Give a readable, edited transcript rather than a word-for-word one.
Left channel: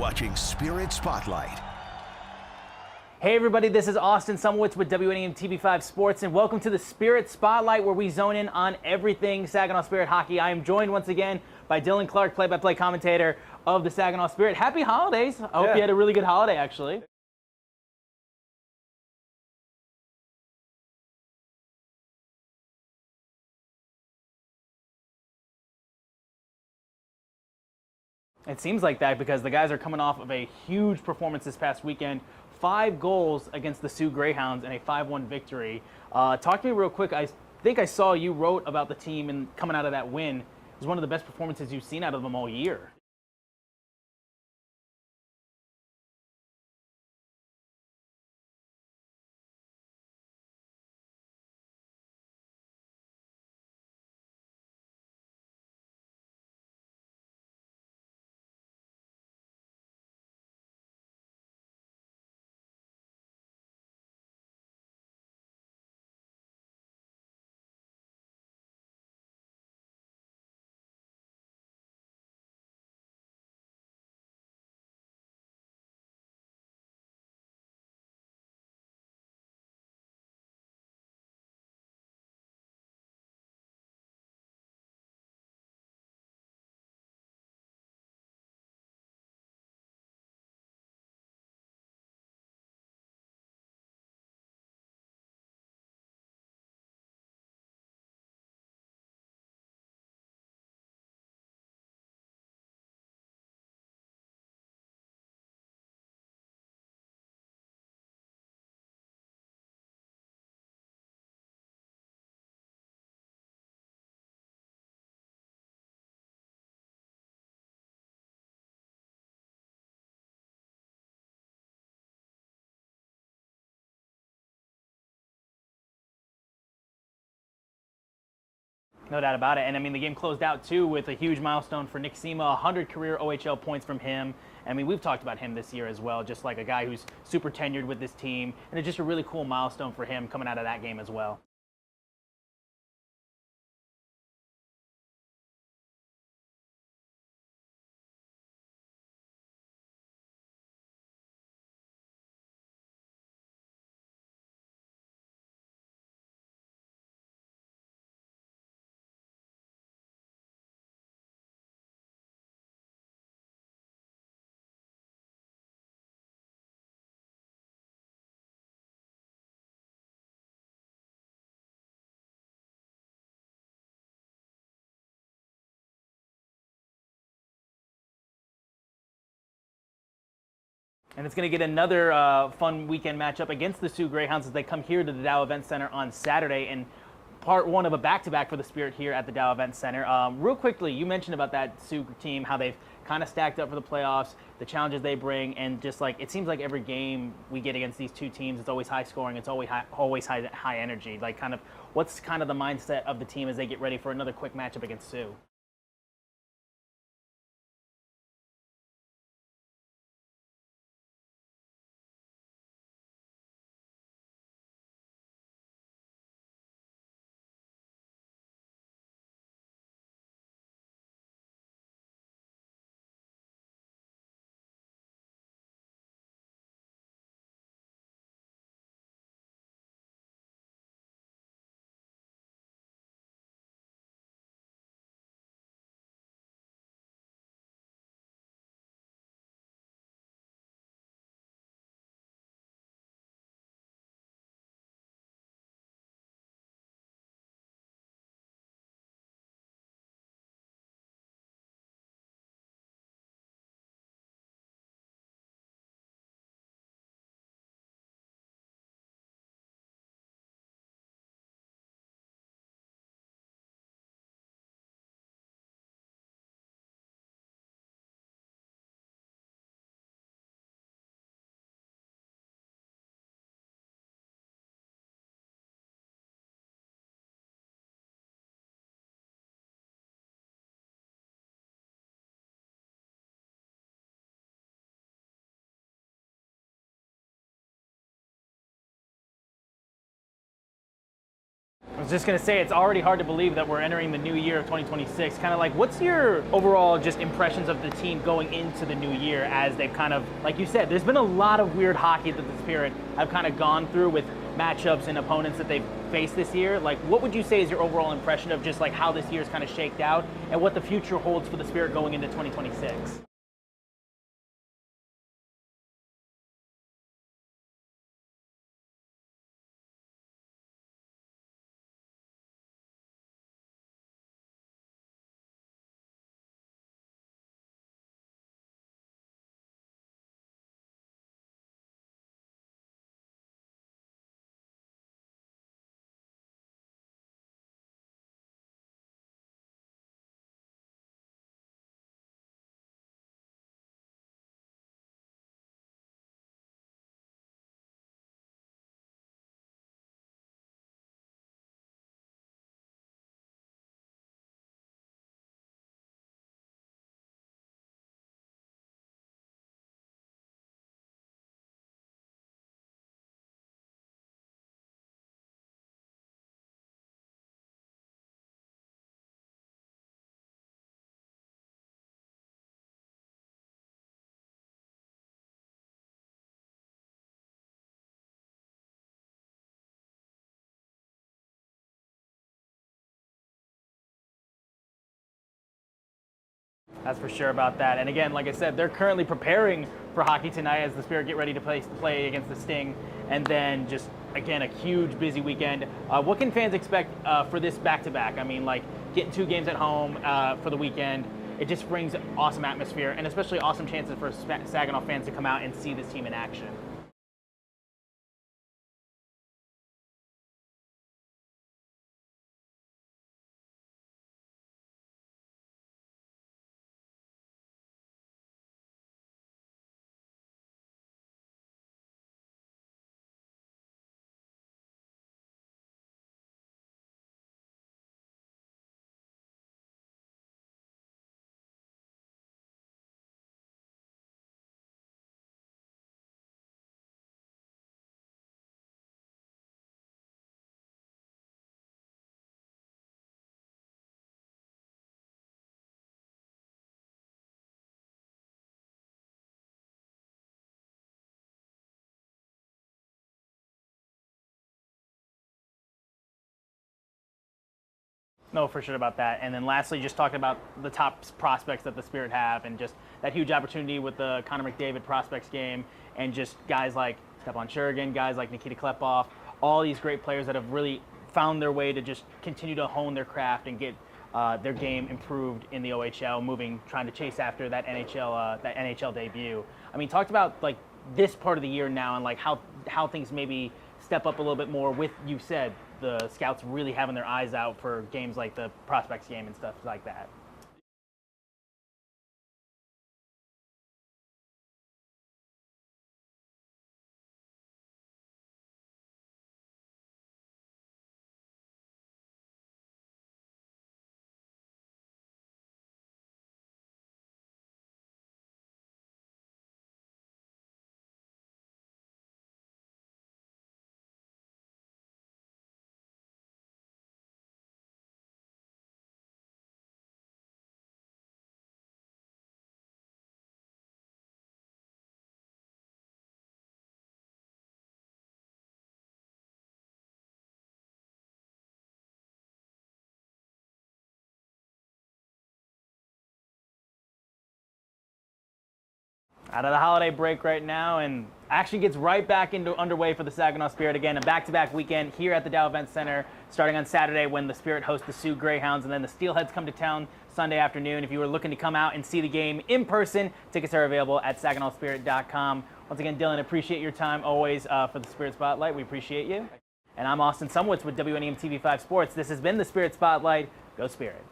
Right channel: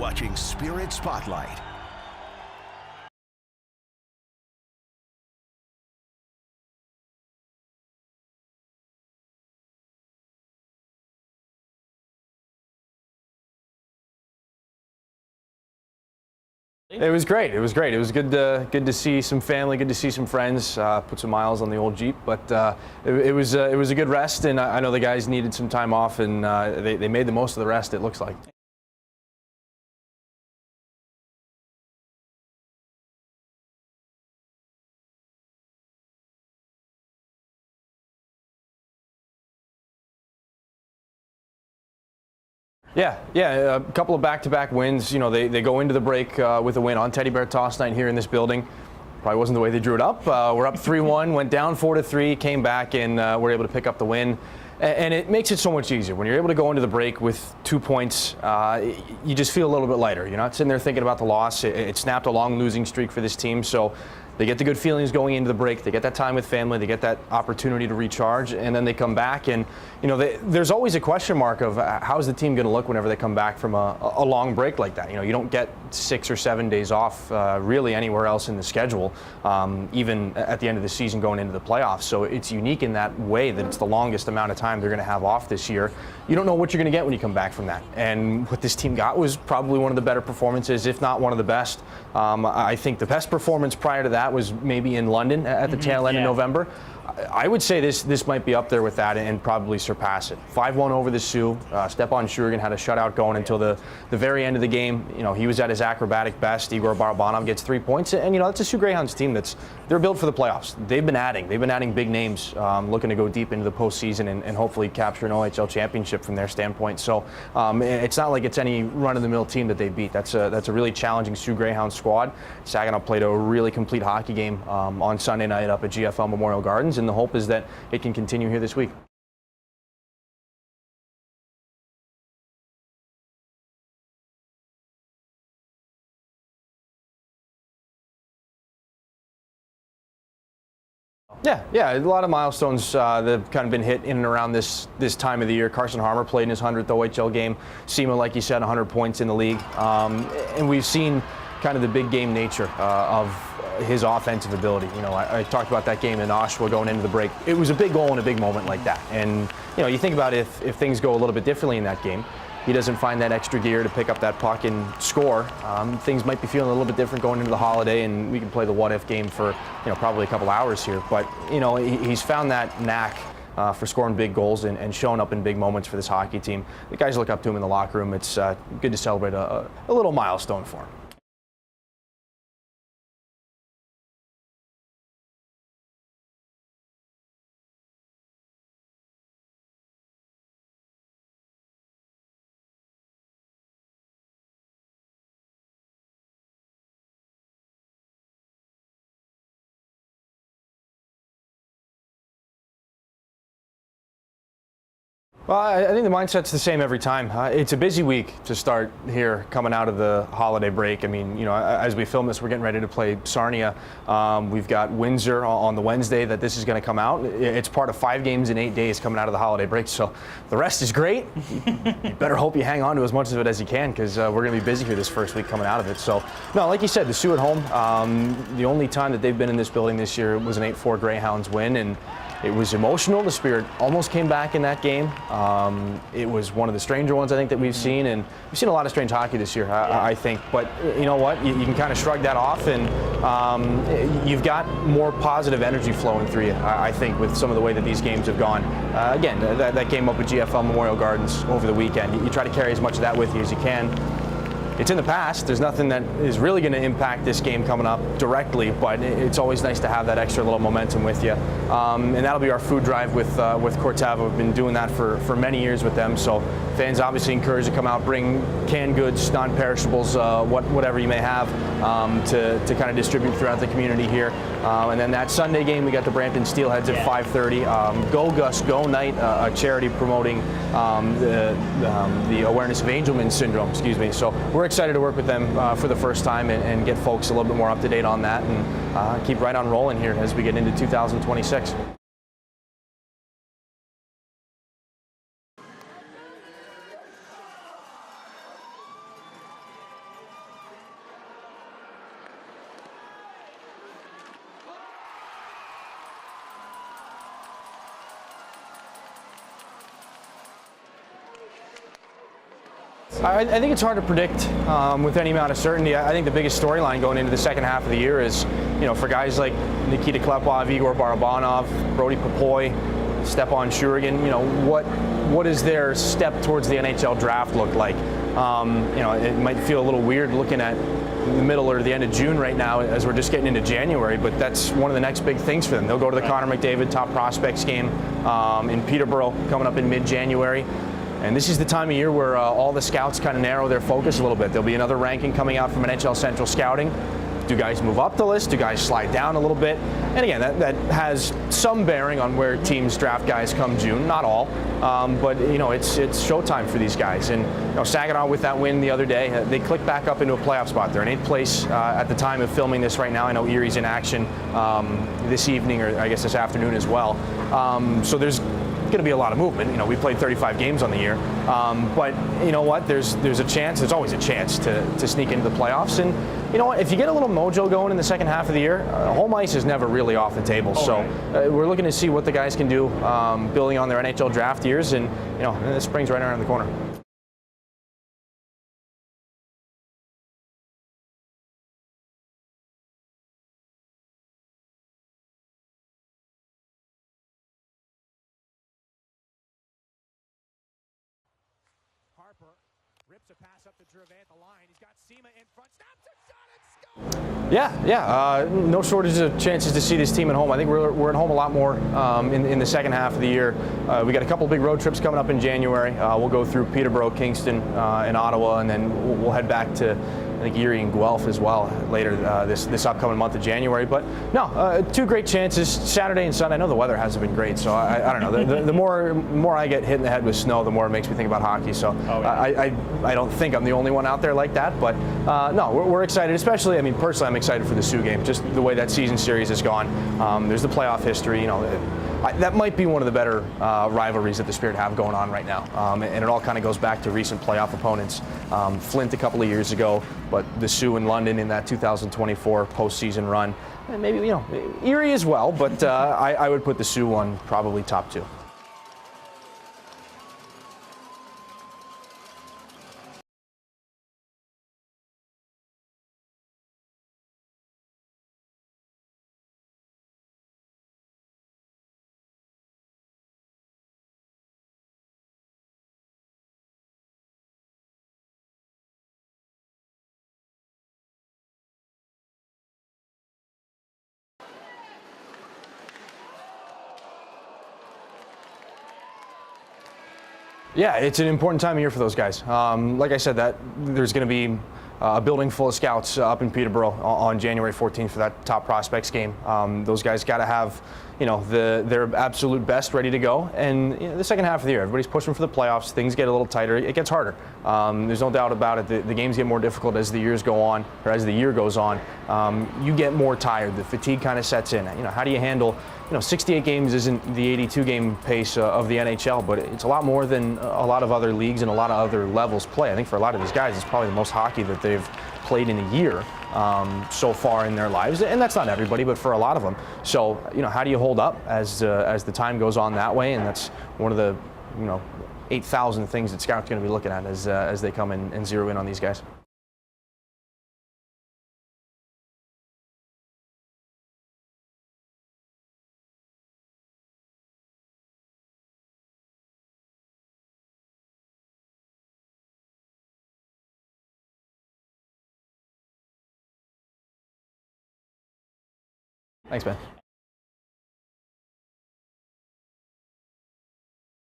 watching Spirit Spotlight. Hey everybody, this is Austin Sumowitz with WNEM TV5 Sports, and welcome to the Spirit Spotlight, where we zone in on everything Saginaw Spirit hockey. I am joined once again by Dylan Clark, play-by-play commentator of the Saginaw Spirit. Happy holidays. I hope you had a really good holiday, actually. It was great. It was great. It was good to see some family, good to see some friends, put some miles on the old Jeep. But it was a good rest, and I know the guys needed some time off, and they made the most of the rest, it looks like. It seems like that because the guys are coming off of a huge performance this past weekend. 5 goals against the Sioux Greyhounds and a 5-1 victory. Talk to me real quick. I think I saw you wrote about the team and coming out of that win. It was one of the best performances you've seen out of them all year. Yeah, a couple of back-to-back wins. You know, they go into the break with a win on Teddy Bear Toss Night here in this building. Probably wasn't the way they drew it up. We're up 3-1, went down 4-3, came back, and were able to pick up the win. And it makes it so much easier. When you're able to go into the break with 2 points, you just feel a little bit lighter. You're not sitting there thinking about the loss. It snapped a long losing streak for this team, so they get the good feelings going into the break. They get that time with family. They get that opportunity to recharge, and then they come back. And you know, there's always a question mark of how's the team going to look whenever they come back from a long break like that. You know, you don't get 6 or 7 days off really anywhere else in the schedule, even at the end of the season going into the playoffs. So it's unique in that way that it's the longest amount of time they're going to have off this year. You don't know what you're going to get when you come back from that. And what this team got was probably one of the better performances, if not one of the best. I think the best performance prior to that was maybe in London at the tail end of November. I would say this might be up there with that and probably surpass it. 5-1 over the Sioux. Stepan Shurigan had a shutout going until the very end of the game. You know, he was at his acrobatic best. Igor Barabanov gets 3 points, and you know, that's a Sioux Greyhounds team they're built for the playoffs. They've been adding big names, looking to go deep into the postseason and hopefully capture an OHL championship from their standpoint. So it's not like it's any run-of-the-mill team that they beat. That's a really challenging Sioux Greyhounds squad. Saginaw played a really complete hockey game on Sunday night up at GFL Memorial Gardens, and the hope is that it can continue here this week. No doubt about it. And I mean, the game closed out too with a huge milestone for Nick Sema, 100 career OHL points from him. I mean, we've talked about him this year as well, just like a guy who's super tenured with this team, and it's just a really cool milestone for him coming out of that game as well. Yeah, a lot of milestones that have kind of been hit in and around this time of the year. Carson Harmer played in his 100th OHL game. Sema, like you said, 100 points in the league. And we've seen kind of the big game nature of his offensive ability. You know, I talked about that game in Oshawa going into the break. It was a big goal and a big moment like that. And, you know, you think about if things go a little bit differently in that game, he doesn't find that extra gear to pick up that puck and score, things might be feeling a little bit different going into the holiday, and we can play the what-if game for, you know, probably a couple hours here. But, you know, he's found that knack for scoring big goals and showing up in big moments for this hockey team. The guys look up to him in the locker room. It's good to celebrate a little milestone for him. And it's going to get another fun weekend matchup against the Sioux Greyhounds as they come here to the Dow Event Center on Saturday, and part one of a back-to-back for the Spirit here at the Dow Event Center. Real quickly, you mentioned about that Sioux team, how they've kind of stacked up for the playoffs, the challenges they bring, and just like it seems like every game we get against these two teams, it's always high scoring, it's always high energy. Like, kind of what's kind of the mindset of the team as they get ready for another quick matchup against Sioux? Well, I think the mindset's the same every time. It's a busy week to start here coming out of the holiday break. I mean, you know, as we film this, we're getting ready to play Sarnia. We've got Windsor on the Wednesday that this is going to come out. It's part of 5 games in 8 days coming out of the holiday break, so the rest is great. You better hope you hang on to as much of it as you can, because we're going to be busy here this first week coming out of it. So, no, like you said, the Sioux at home, the only time that they've been in this building this year was an 8-4 Greyhounds win, and it was emotional. The Spirit almost came back in that game. It was one of the stranger ones, I think, that we've seen, and we've seen a lot of strange hockey this year, I think. But you know what? You can kind of shrug that off, and you've got more positive energy flowing through you, I think, with some of the way that these games have gone. Again, that game up at GFL Memorial Gardens over the weekend, you try to carry as much of that with you as you can. It's in the past. There's nothing that is really going to impact this game coming up directly, but it's always nice to have that extra little momentum with you. And that'll be our food drive with Cortava. We've been doing that for many years with them. So fans obviously encouraged to come out, bring canned goods, non-perishables, whatever you may have, to kind of distribute throughout the community here. And then that Sunday game, we got the Brampton Steelheads at 5:30. Go Gus Go Night, a charity promoting the awareness of Angelman syndrome. Excuse me. So we're excited to work with them for the first time and get folks a little bit more up to date on that and keep right on rolling here as we get into 2026. I was just going to say, it's already hard to believe that we're entering the new year of 2026. Kind of like, what's your overall just impressions of the team going into the new year as they've kind of, like you said, there's been a lot of weird hockey that the Spirit have kind of gone through with matchups and opponents that they've faced this year. Like, what would you say is your overall impression of just like how this year's kind of shaked out and what the future holds for the Spirit going into 2026? I think it's hard to predict with any amount of certainty. I think the biggest storyline going into the second half of the year is, for guys like Nikita Klepov, Igor Barabanov, Brody Popoy, Stepan Shurigan, what does their step towards the NHL draft look like? It might feel a little weird looking at the middle or the end of June right now as we're just getting into January, but that's one of the next big things for them. They'll go to the Connor McDavid Top Prospects game in Peterborough coming up in mid-January. And this is the time of year where all the scouts kind of narrow their focus a little bit. There'll be another ranking coming out from NHL Central Scouting. Do guys move up the list? Do guys slide down a little bit? And again, that has some bearing on where teams draft guys come June. Not all, but it's showtime for these guys. And Saginaw with that win the other day, they clicked back up into a playoff spot. They're in 8th place at the time of filming this right now. I know Erie's in action this evening, or I guess this afternoon as well. So there's going to be a lot of movement. We played 35 games on the year, but you know what? There's a chance. There's always a chance to sneak into the playoffs. And you know what? If you get a little mojo going in the second half of the year, home ice is never really off the table. So we're looking to see what the guys can do, building on their NHL draft years, and the spring's right around the corner. That's for sure about that. And again, like I said, they're currently preparing for hockey tonight as the Spirit get ready to play against the Sting, and then just again a huge busy weekend. What can fans expect for this back-to-back? I mean, like getting 2 games at home for the weekend. It just brings awesome atmosphere and especially awesome chances for Saginaw fans to come out and see this team in action. Yeah. No shortage of chances to see this team at home. I think we're at home a lot more in the second half of the year. We got a couple big road trips coming up in January. We'll go through Peterborough, Kingston, and Ottawa, and then we'll head back to I think Erie and Guelph as well later this upcoming month of January. But no, 2 great chances, Saturday and Sunday. I know the weather hasn't been great, so I don't know. The more I get hit in the head with snow, the more it makes me think about hockey. So I don't think I'm the only one out there like that. But no, we're excited, especially, I mean, personally, I'm excited for the Sioux game, just the way that season series has gone. There's the playoff history, that might be one of the better rivalries that the Spirit have going on right now. And it all kind of goes back to recent playoff opponents. Flint a couple of years ago, but the Sioux in London in that 2024 postseason run. And maybe, Erie as well, but I would put the Sioux one probably top 2. No, for sure about that. And then lastly, just talking about the top prospects that the Spirit have and just that huge opportunity with the Connor McDavid prospects game and just guys like Stepan Shurigan, guys like Nikita Klepov, all these great players that have really found their way to just continue to hone their craft and get their game improved in the OHL, trying to chase after that NHL debut. I mean, talked about like this part of the year now and like how things maybe step up a little bit more with, you said, the scouts really having their eyes out for games like the prospects game and stuff like that. Yeah, it's an important time of year for those guys. Like I said, that there's going to be a building full of scouts up in Peterborough on January 14th for that top prospects game. Those guys got to have their absolute best ready to go. And the second half of the year, everybody's pushing for the playoffs. Things get a little tighter. It gets harder. There's no doubt about it. The games get more difficult as the years go on, or as the year goes on. You get more tired. The fatigue kind of sets in. How do you handle? 68 games isn't the 82 game pace of the NHL, but it's a lot more than a lot of other leagues and a lot of other levels play. I think for a lot of these guys, it's probably the most hockey that they've played in a year so far in their lives, and that's not everybody, but for a lot of them. So, how do you hold up as the time goes on that way? And that's one of the 8,000 things that scouts going to be looking at as they come in and zero in on these guys. Out of the holiday break right now, and action gets right back underway for the Saginaw Spirit. Again, a back-to-back weekend here at the Dow Event Center, starting on Saturday when the Spirit hosts the Sioux Greyhounds, and then the Steelheads come to town Sunday afternoon. If you were looking to come out and see the game in person, tickets are available at saginawspirit.com. Once again, Dylan, appreciate your time always for the Spirit Spotlight. We appreciate you. Thanks, man. And I'm Austin Sumwitz with WNEM TV5 Sports. This has been the Spirit Spotlight. Go Spirit.